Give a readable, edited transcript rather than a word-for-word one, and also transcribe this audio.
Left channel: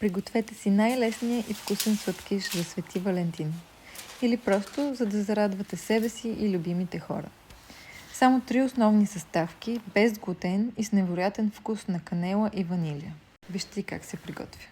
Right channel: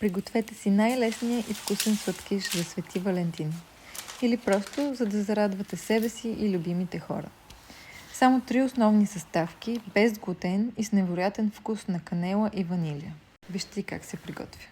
Пригответе си най-лесния и вкусен сладкиш за Свети Валентин. Или просто за да зарадвате себе си и любимите хора. Само 3 основни съставки, без глутен и с невероятен вкус на канела и ванилия. Вижте как се приготвя.